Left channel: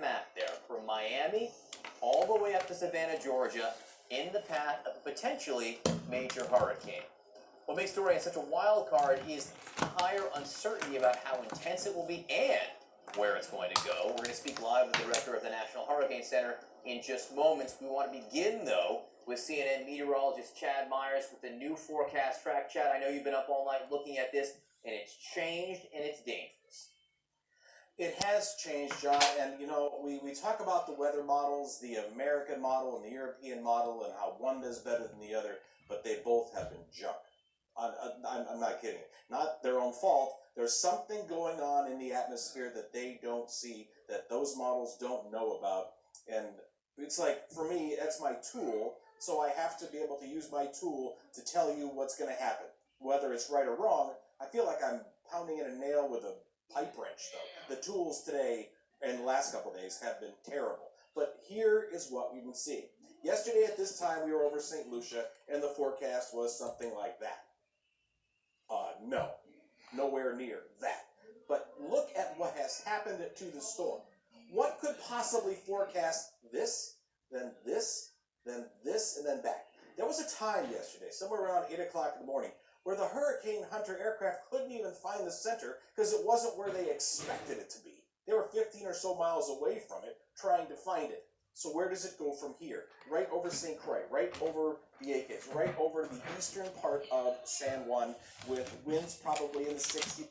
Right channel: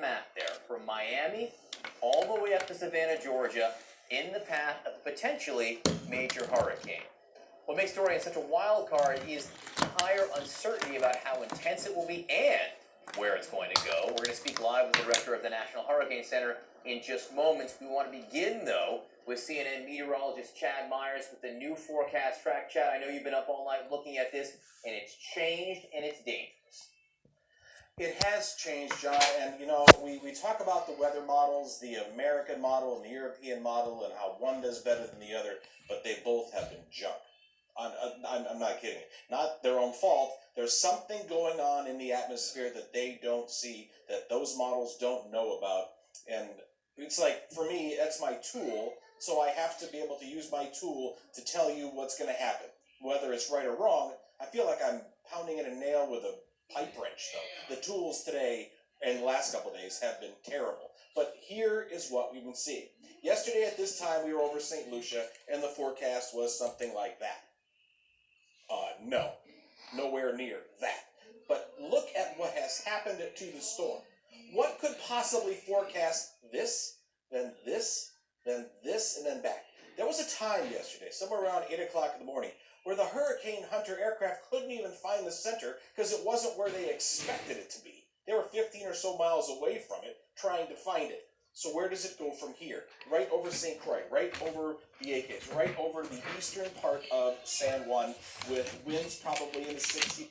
that map there, from Miami all the way up to Savannah, Georgia, in the path of a potentially major hurricane. What makes Dorian such a wild card is higher uncertainty about how intense it will be and where it's going to go. We're going to speak live with the director of the National Hurricane Center in just moments. We want to begin, though, with CNN meteorologist Chad Myers with the new forecast track. Chad, I know you've been up all night looking at this, and it's changed and it's dangerous. It has changed, John, and we talk about the weather models, the American model and the European model, and how one does better than the other, but they both have been junk. I'm not kidding. Not their own fault. There's something going on in the atmosphere that they don't see, that those models don't know about, and it's like, for me, that's my tool, so I have to be able to use my tool to tell you what's going to happen. Whether it's right or wrong, I feel like I'm pounding in a nail with a pipe wrench, though. The tools today and the last couple of days have been terrible. But here is what we've been seeing. Yesterday at this time, we were over St. Lucia, and the forecast was something like that. No, nowhere near that. But look at what has happened to the storm. What could possibly forecast this, then this, then this, and then back? There was a time yesterday, somewhere around 8 o'clock in the morning, where the Hurricane Hunter aircraft couldn't even find the center because it wasn't where they expected it to be. They were 15 or so miles away from it, trying to find it. So where does it go from here? Right over St. Croix, right over the Acres, right over the eastern part of San Juan, with winds probably in the 60.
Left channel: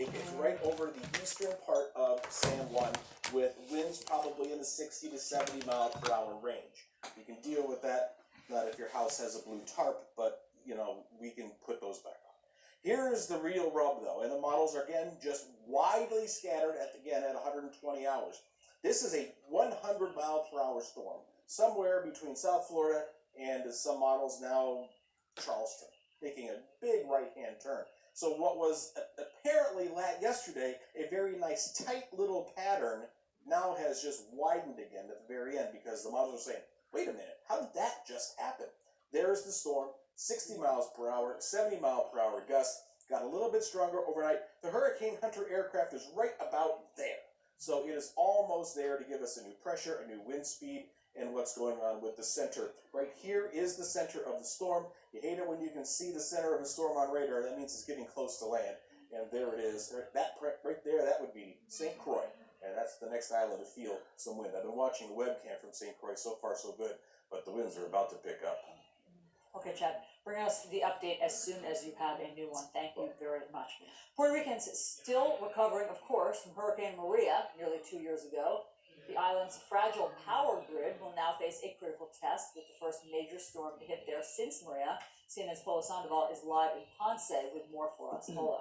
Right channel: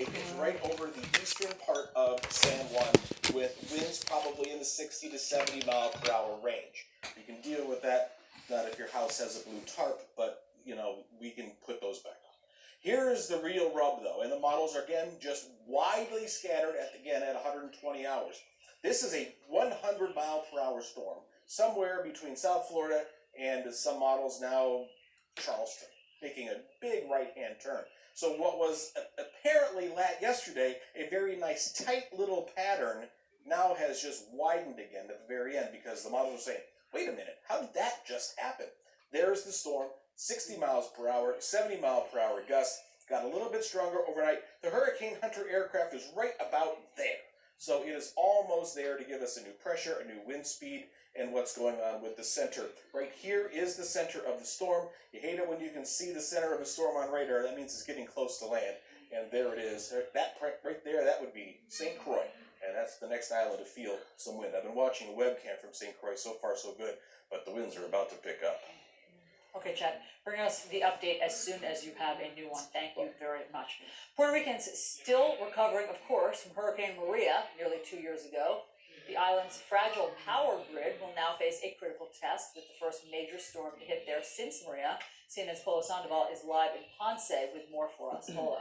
Acres, right over the eastern part of San Juan, with winds probably in the 60 to 70 mile per hour range. You can deal with that, not if your house has a blue tarp, but we can put those back on. Here is the real rub, though, and the models are, again, just widely scattered at 120 hours. This is a 100 mile per hour storm, somewhere between South Florida and some models now Charleston, making a big right-hand turn. So what was apparently yesterday a very nice tight little pattern now has just widened again at the very end, because the models are saying, wait a minute, how did that just happen? There's the storm, 60 miles per hour, 70 mile per hour gusts, got a little bit stronger overnight. The Hurricane Hunter aircraft is right about there. So it is almost there to give us a new pressure, a new wind speed, and what's going on with the center. Right here is the center of the storm. You hate it when you can see the center of a storm on radar. That means it's getting close to land. And there it is. That right there, that would be St. Croix. And that's the next island to feel some wind. I've been watching a webcam from St. Croix. So far, so good. But the winds are about to pick up. Okay, Chad, bring us the update as soon as you have a new one. Thank you very much. Puerto Ricans still recovering, of course, from Hurricane Maria nearly 2 years ago. The island's fragile power grid will now face a critical test with the first major storm to hit there since Maria. CNN's Polo Sandoval is live in Ponce with more for us. Polo.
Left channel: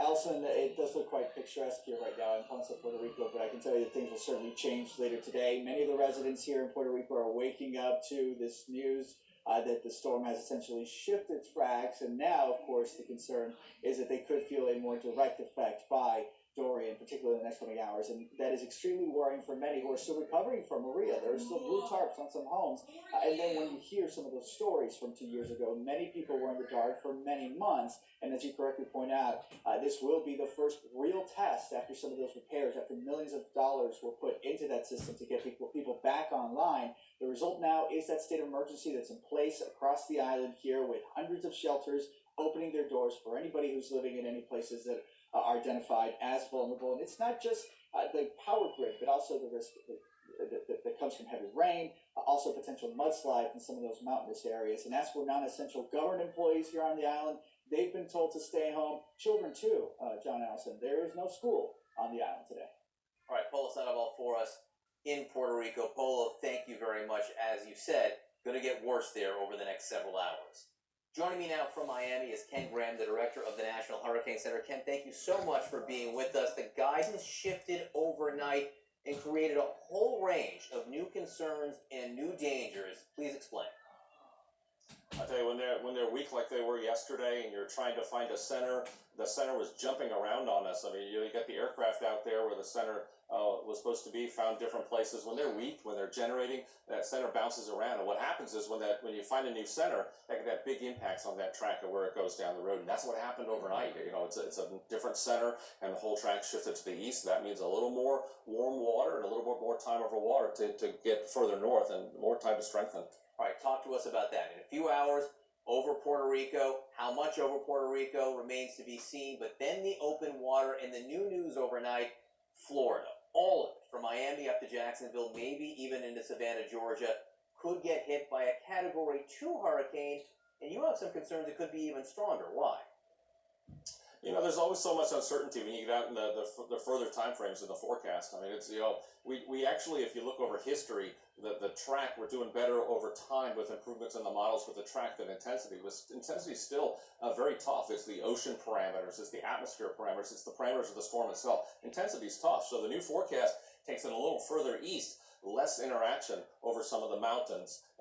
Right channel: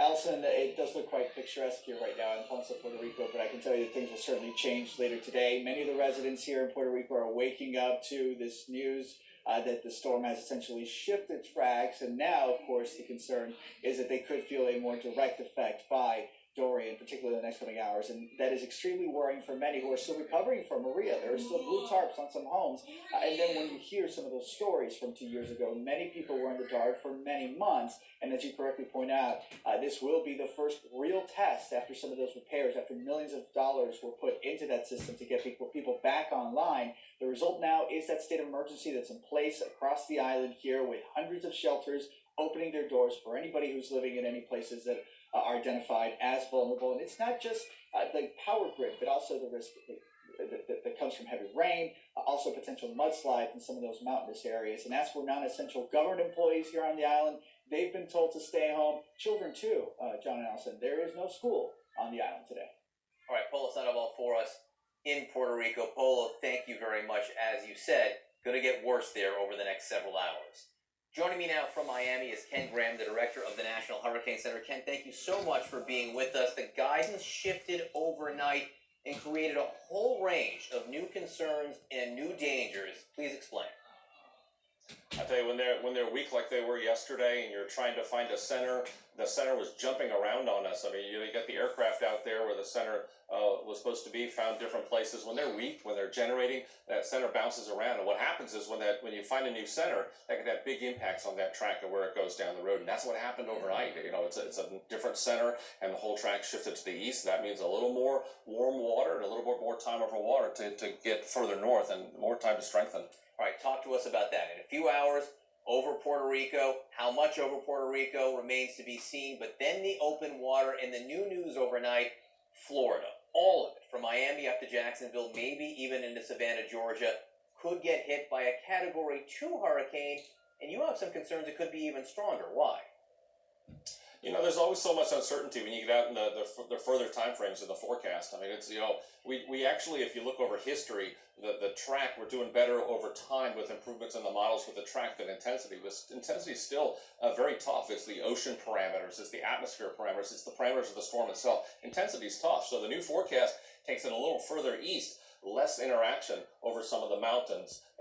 Alison, it does look quite picturesque here right now in Ponce, Puerto Rico, but I can tell you that things will certainly change later today. Many of the residents here in Puerto Rico are waking up to this news that the storm has essentially shifted tracks, and now, of course, the concern is that they could feel a more direct effect by Dorian, particularly in the next coming hours, and that is extremely worrying for many who are still recovering from Maria. There are still blue tarps on some homes, and then when you hear some of those stories from 2 years ago, many people were in the dark for many months, and as you correctly point out, this will be the first real test after some of those repairs, after millions of dollars were put into that system to get people back online. The result now is that state of emergency that's in place across the island here, with hundreds of shelters opening their doors for anybody who's living in any places that are identified as vulnerable. And it's not just the power grid, but also the risk that comes from heavy rain, also potential mudslides in some of those mountainous areas. And as for non-essential government employees here on the island, they've been told to stay home. Children too, John and Allison. There is no school on the island today. All right, Polo Sandoval for us in Puerto Rico. Polo, thank you very much. As you said, going to get worse there over the next several hours. Joining me now from Miami is Ken Graham, the director of the National Hurricane Center. Ken, thank you so much for being with us. The guidance shifted overnight and created a whole range of new concerns and new dangers. Please explain. I tell you, when they're weak like they were yesterday, and you're trying to find a center, the center was jumping around on us. I mean, you get the aircraft out there where the center was supposed to be, found different places. When they're weak, when they're generating, that center bounces around. And what happens is when you find a new center, that can have big impacts on that track and where it goes down the road. And that's what happened overnight. You know, it's a different center, and the whole track shifted to the east. That means a little more warm water and a little bit more time over water to get further north and more time to strengthen. All right, talk to us about that. In a few hours, over Puerto Rico. How much over Puerto Rico remains to be seen. But then the open water and the new news overnight, Florida. All of it, from Miami up to Jacksonville, maybe even into Savannah, Georgia, could get hit by a Category 2 hurricane. And you have some concerns it could be even stronger. Why? You know, there's always so much uncertainty when you get out in the further time frames in the forecast. I mean, it's, you know, we actually, if you look over history, the track, we're doing better over time with improvements in the models with the track than intensity. Intensity is still very tough. It's the ocean parameters, it's the atmosphere parameters, it's the parameters of the storm itself. Intensity is tough. So the new forecast takes it a little further east, less interaction over some of the mountains.